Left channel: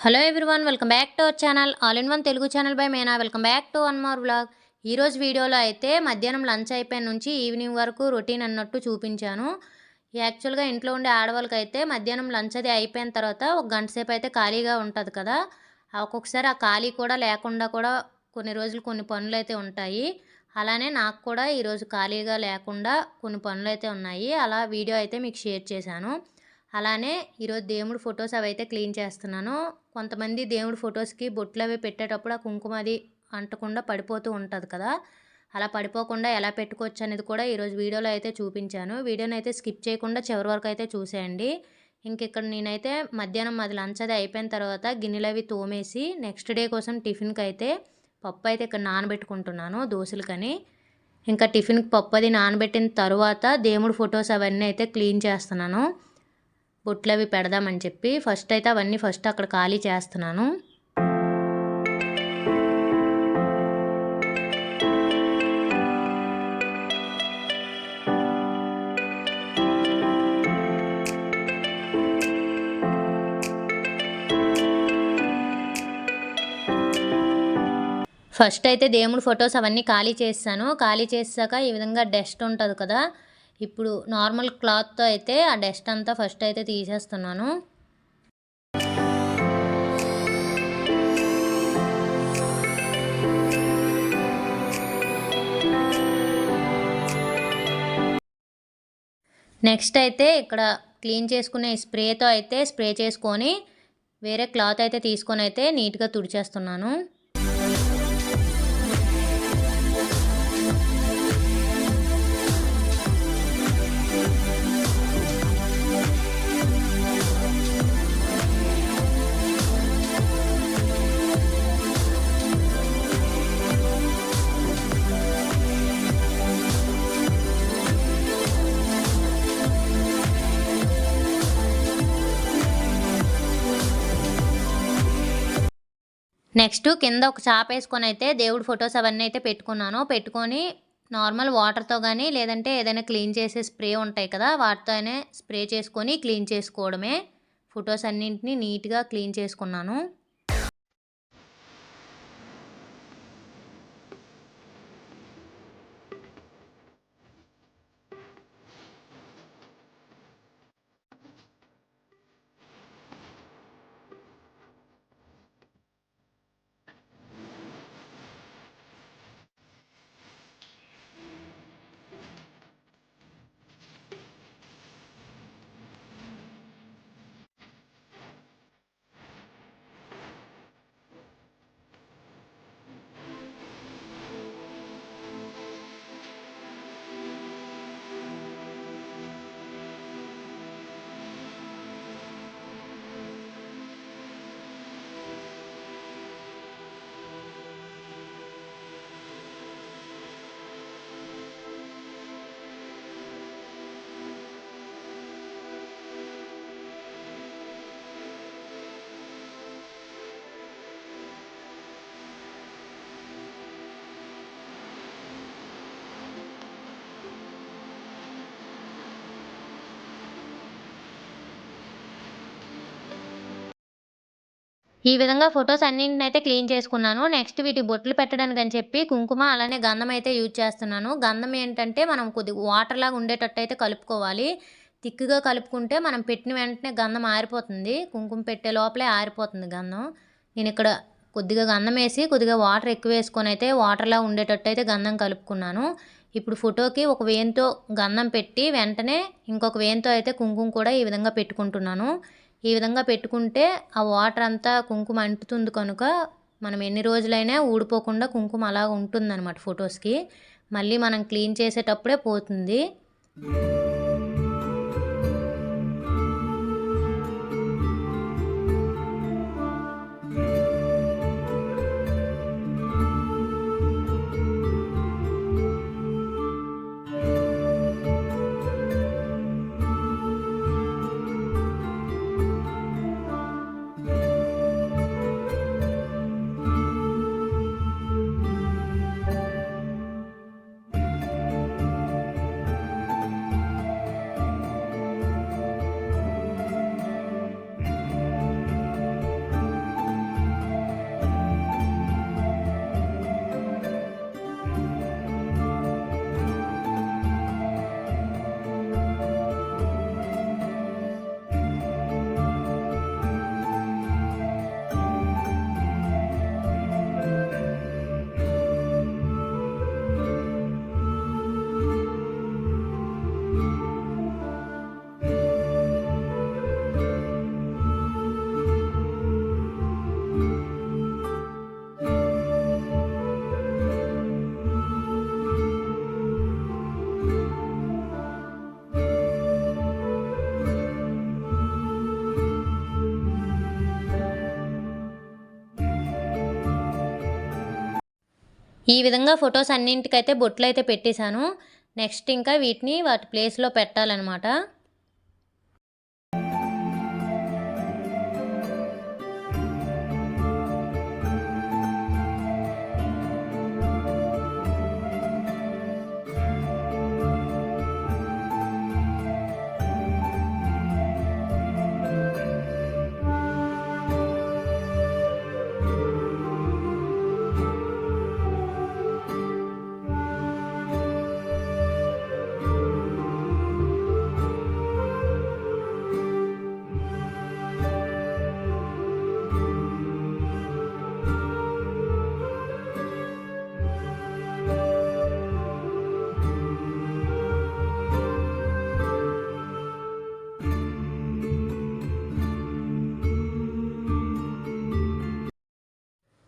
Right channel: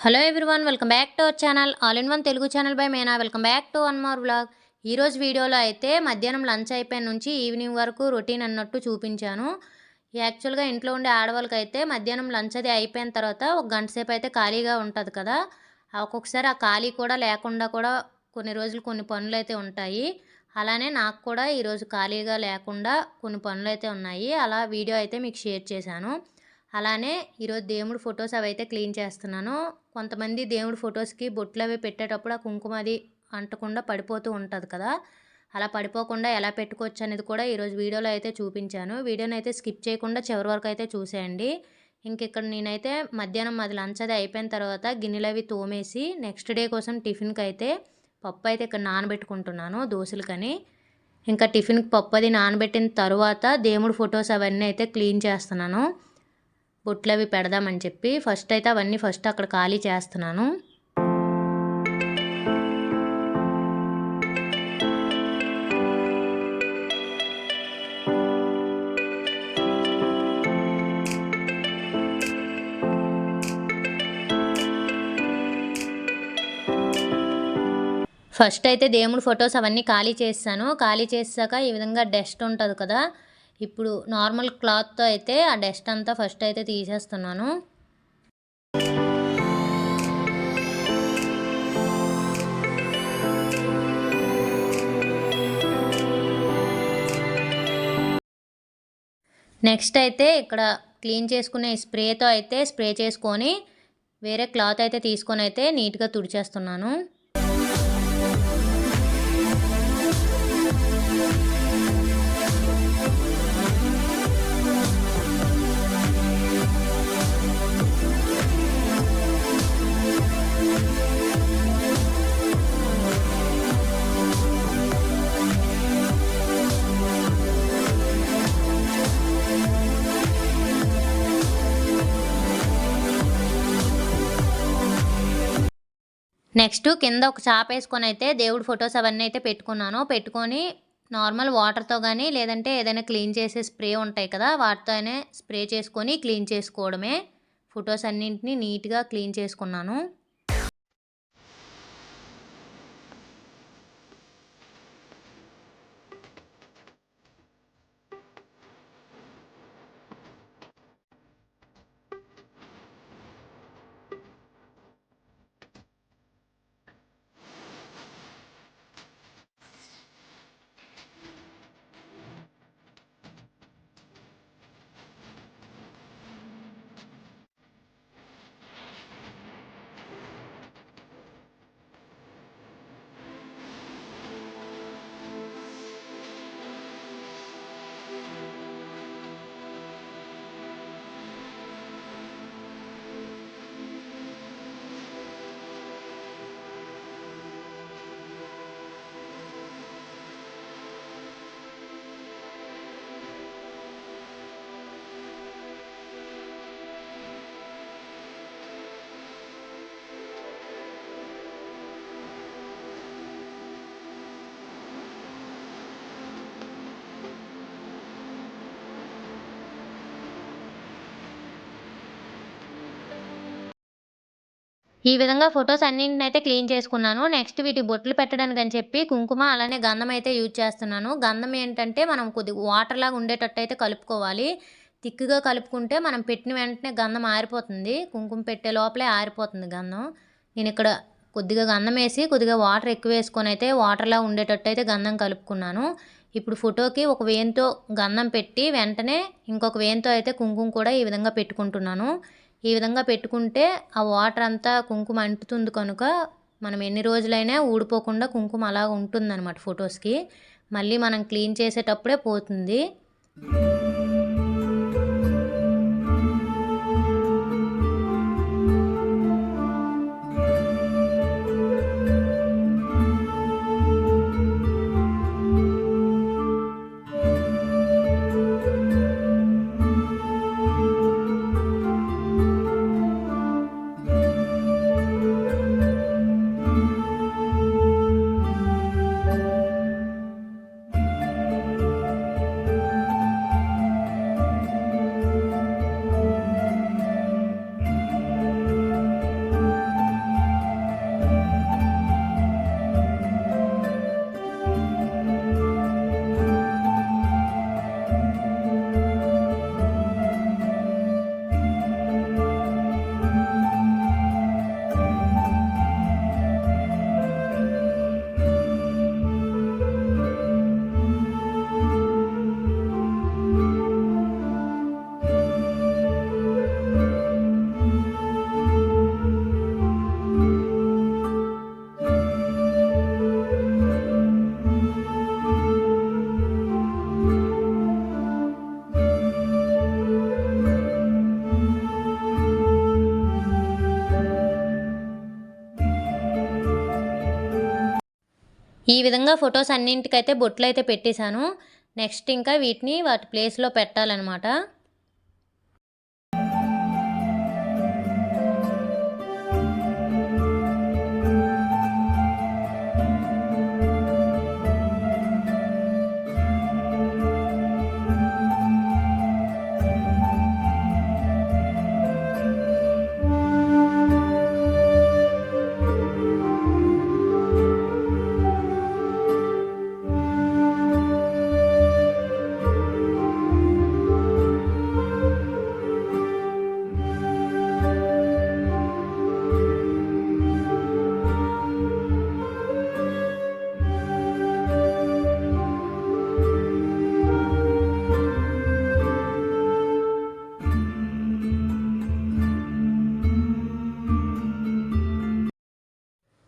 Hello everyone welcome back to our channel all in one Telugu channel by Meena welcome back to one more blog ఈరోజు వీడియోలో అయితే మధ్యాహ్నం lunch అయిపోయిన నుంచి evening వరకు routine అన్నట్టు చూపించాను. యాక్చువల్గా ఇంట్లో ఉండే ఆడవాళ్ళకి అయితే మధ్యాహ్నం లంచ్ అది అయిపోయిన తర్వాత ఒక గంట సేపు అయితే ఖాళీగా ఉంటుంది కదా. ఒక్కొక్కసారి ఆ ఖాళీ కూడా లేకుండా కూడా కొన్ని రోజులు కొన్ని పనులు అయితే ఉంటాయి. అలానే నాకు కూడా ఈరోజు ఖాళీగా లేకుండా కొన్ని పనులు అయితే ఉన్నాయి. అలా వీడియో అయితే మీకు షేర్ చేశాను. అలానే ఈరోజు దేవుడు ఫొటోస్ అవి అయితే క్లీన్ చేస్తున్నాను. కొంతమంది దేవుడి ఫొటోస్కి బొట్లు అవి పెట్టేటప్పుడు ఆ కుంకుమ అది అంటకుండా పడిపోతూ ఉంటుంది కదా. అలా పడిపోకుండా ఎలా పెట్టుకోవచ్చు అనేది కూడా ఈరోజు వీడియోలో అయితే చూపించాను. వీడియోని అయితే స్కిప్ చేయకుండా చివరి వరకు అయితే చూసేయండి. ఇంక ఇక్కడ నేనైతే మధ్యాహ్నం అది లంచ్ అది అయిపోయిన తర్వాత గిన్నెలు అవి తోమేసి నెక్స్ట్ డే కోసం టిఫిన్కి అయితే పప్పు అయితే ఇక్కడ నానబెట్టుకుంటున్నాను దోశలకని. ఇంకా టిఫిన్కి పప్పు అది నానబెట్టిన తర్వాత దేవుడి ఫొటోస్ అవన్నీ అయితే క్లీన్ చేస్తున్నాను. బొట్లు అవి పెడదామని చెప్పి ఫస్ట్ అయితే అవన్నీ ఫస్ట్ అక్కడ ఖాళీ చేస్తున్నాను. ఫస్ట్ అయితే దేవుడి ఫొటోస్ అవన్నీ ఖాళీ చేస్తాను. ఖాళీ చేసాక ఈ విధంగా డస్ట్ ఉంటుంది కదా ఇప్పుడు నార్మల్ క్లాత్తో అయితే ఆ డస్ట్ అంతా ఫస్ట్ అయితే తీసేస్తున్నాను. నెక్స్ట్ అయితే ఇక్కడ క్లీన్ చేసుకునే స్ప్రేతో అయితే స్ప్రే చేసుకొని వేరే క్లాత్ అయితే తీసుకొని అయితే నీట్గా తుడిచేస్తున్నాను. నెక్స్ట్ కింద ఒక చాప వేసుకొని అయితే దేవుడి ఫొటోస్ అవన్నీ అయితే పెట్టుకున్నాను. పెట్టుకొని నార్మల్ వాటర్తో కానీ లేదంటే ఏదైనా క్లీన్ చేసే స్ప్రే ఉంటాయి కదా వాటితోనే స్ప్రే చేసుకొని క్లీన్ చేసుకోవడమే. ఫొటోస్ అన్నింటినీ నీట్గా క్లీన్ చేసుకున్నాను. ఈ విధంగా ఫొటోస్ అన్నింటిని అయితే క్లీన్ చేసుకున్నాను. నెక్స్ట్ వీటి బొట్లు పెట్టడానికి అని చెప్పి కుంకుమ అలానే గంధం అయితే యూజ్ చేస్తున్నాను. గంధం ఏంటంటే మనం కొద్దిగా వాటర్ లాగా ఉండేటట్టు అయితే కలుపుకోవాలి. తిక్కుగా కలుపుకుంటే మనం పెట్టిన వెంటనే గంధం ఆరిపోతుంది. కుంకుమ పెట్టే లోపలే ఆరిపోతుంది గంధం. నేను ఇక్కడ కొద్దిగా గంధం వేసి కొద్దిగా వాటర్ ఎక్కువ వేసుకొని అయితే వాటర్లా ఉండేటట్టు అయితే గంధం కలుపుకున్నాను. ఇప్పుడు ఫోటోకి ఒక వేయంతో గంధం పెట్టి వెంటనే ఇంకొక వేయంతో అయితే కుంకుమ కూడా ఈ విధంగా పెట్టుకుంటున్నాను. ఈ విధంగా పెట్టుకుంటే ఆ వాటర్ అంతా కుంకుమ అంటుతుంది కనుక మనం ఎన్ని రోజులైనా ఊడిపోకుండా కుంకుమ అలా ఉంటుందన్నమాట ఫొటోస్కి. మళ్ళీ మనం క్లీన్ చేసేటప్పుడే పోతుంది. ఈ విధంగా ఫొటోస్ అన్నింటికైతే బొట్లు అయితే పెట్టేశాను. నెక్స్ట్ ఇంకా వీటిని వాటి ప్లేస్లో పెట్టాలన్నమాట.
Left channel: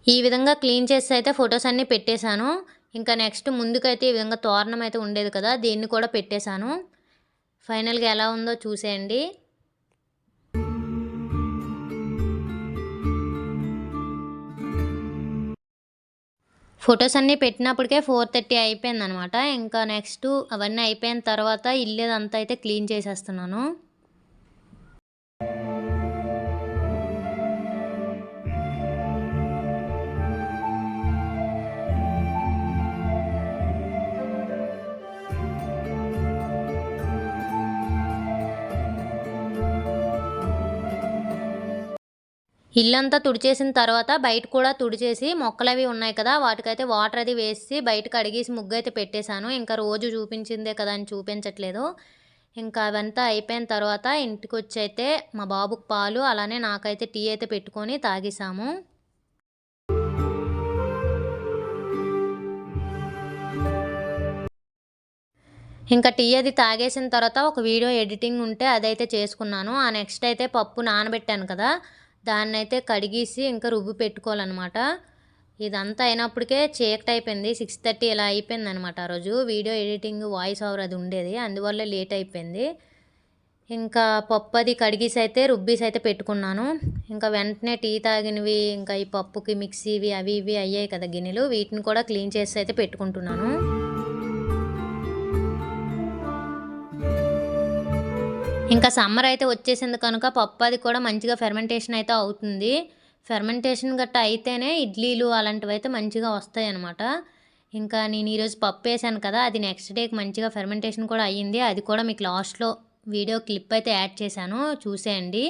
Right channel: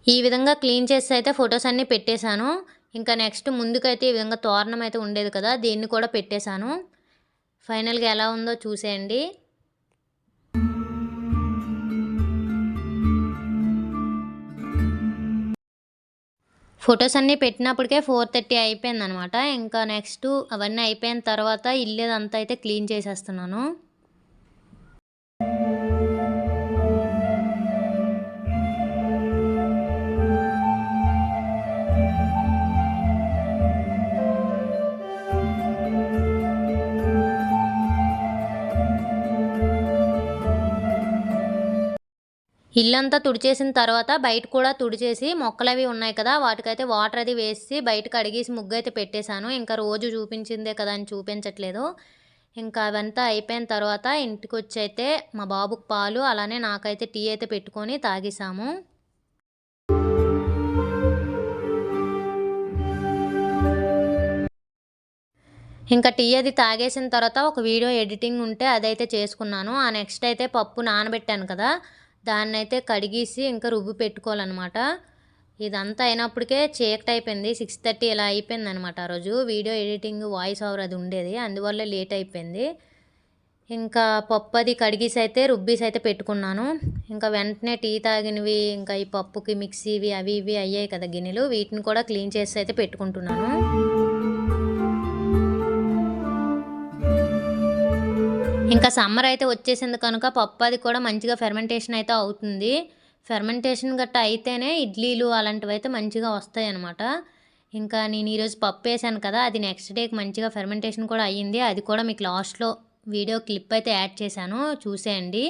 ఈ విధంగా క్లీన్ చేసి అయితే ఫొటోస్ అన్నీ పెట్టేశాను. ఇంకా నెక్స్ట్ ముందుకైతే ఈ విధంగా తోరణం అయితే ఉండేది కదా దీన్ని కూడా పెట్టేశాను. ఫైనల్గా ఎలా ఉందో చూసేయండి. ఫొటోస్ అన్నీ పెట్టినప్పటికే ఫోర్ థర్టీ అయిపోయింది అనమాట ఇంకా నెక్స్ట్ అవన్నీ అయిపోయిన తర్వాత ఇల్లేదంతా అయితే క్లీన్ చేసేస్తున్నాను. ఇల్లంతా తుడిచేసిన తర్వాత బయట కూడా తుడిచేసి మొక్కలు అవి ఉన్నాయి కదా వాటికైతే వాటర్ అది వేసి బయటకు అడిగేసి ముగ్గు అయితే పెట్టేశాను. ఇంకా రోజు చూపించిందే కదా అని చూపించట్లేదు. ఇంకా అవంతా అయిపోయిన తర్వాత ఇంటికి వచ్చి అయితే మా బాబుకి పాలు అలానే నాకైతే టీ అయితే పెట్టుకొని తాగేసాము ఇంకా టీ అది తాగేసిన తర్వాత ఒక వీడియో ఎడిటింగ్ ఉంటే అదైతే చేసుకున్నాను. ఆ నెక్స్ట్ అయితే పప్పు నానబెట్టాను కదా దాన్ని అయితే కడిగేసి ఇంకా రుబ్బు పెట్టుకోవాలన్నమాట. ఇదంతా అయినప్పటికే చీకటి అయిపోయింది. సిక్స్ థర్టీ ఇలా అయిపోయింది అనమాట ఆ రోజు. వీడియో ఎడిటింగ్ వాయిస్ ఓవర్ అది ఉండేది. అందువల్ల లేట్ అయిపోయింది. ఇంకా పప్పు అది కడిగేసి అయితే రుబ్బీసి అయితే పెట్టుకున్నాను. ఇంకా వెంటనే టీ తాగినవి ఇంకా ఈ పప్పుకి మిక్సీవి అవి ఇవి అయ్యాయి కదా గిన్నెలు. వీటిని కూడా క్లీన్ చేసి అయితే పెట్టుకుంటున్నాను. ఇంకా సమ్మర్ అయితే వచ్చేసింది కనుక పప్పు అది కూడా మంచిగా ఫెర్మెంటేషన్ అయితే అవుతుంది. ఫెర్మెంటేషన్ గట్ట అయితేనే ఇడ్లీలు అలాంటివి అయితే మంచిగా వస్తాయి అనమాట ఇంకా నేను ఈరోజు పప్పు వేసాను కదా అది నెక్స్ట్ డేకి మంచిగా ఫెర్మెంటేషన్ కూడా అయ్యింది. అది కూడా మీకు లాస్ట్లో వీడియో క్లిప్ అయితే యాడ్ చేశాను. చూసేయండి.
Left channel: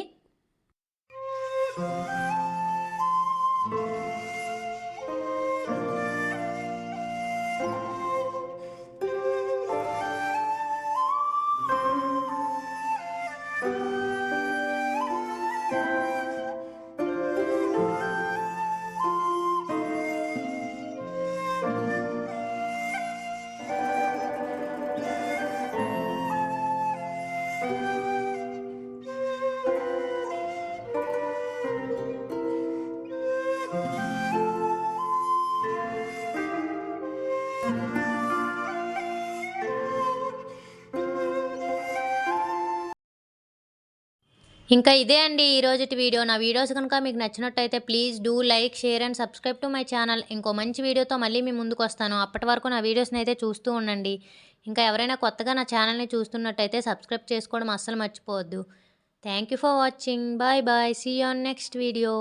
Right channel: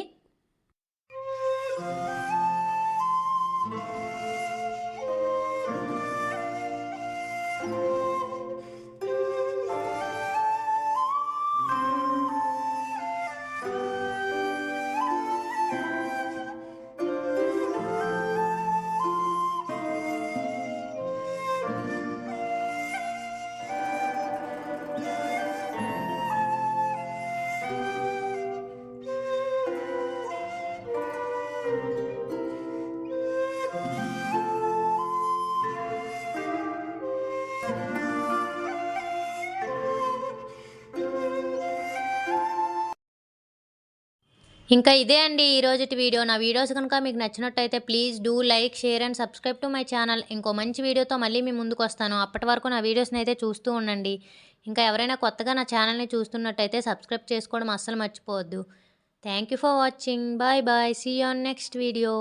ఇంకా ఇదే అండి ఈరోజు వీడియో. నా వీడియోస్ కనుక మీకు నచ్చినట్టయితే please do like share and subscribe to my channel. ఇంకో మంచి వీడియోతో మళ్ళీ మీ ముందుకు వస్తాను. అప్పటి వరకు నా వీడియోస్ని అయితే చూస్తూ ఉండండి. ఇంకా ఎవరైనా కొత్తగా నా ఛానల్ని చూస్తున్నట్టయితే సబ్స్క్రైబ్ చేసుకోవడం అస్సలు మర్చిపోవద్దు. Thank you for watching. Bye bye. See on next video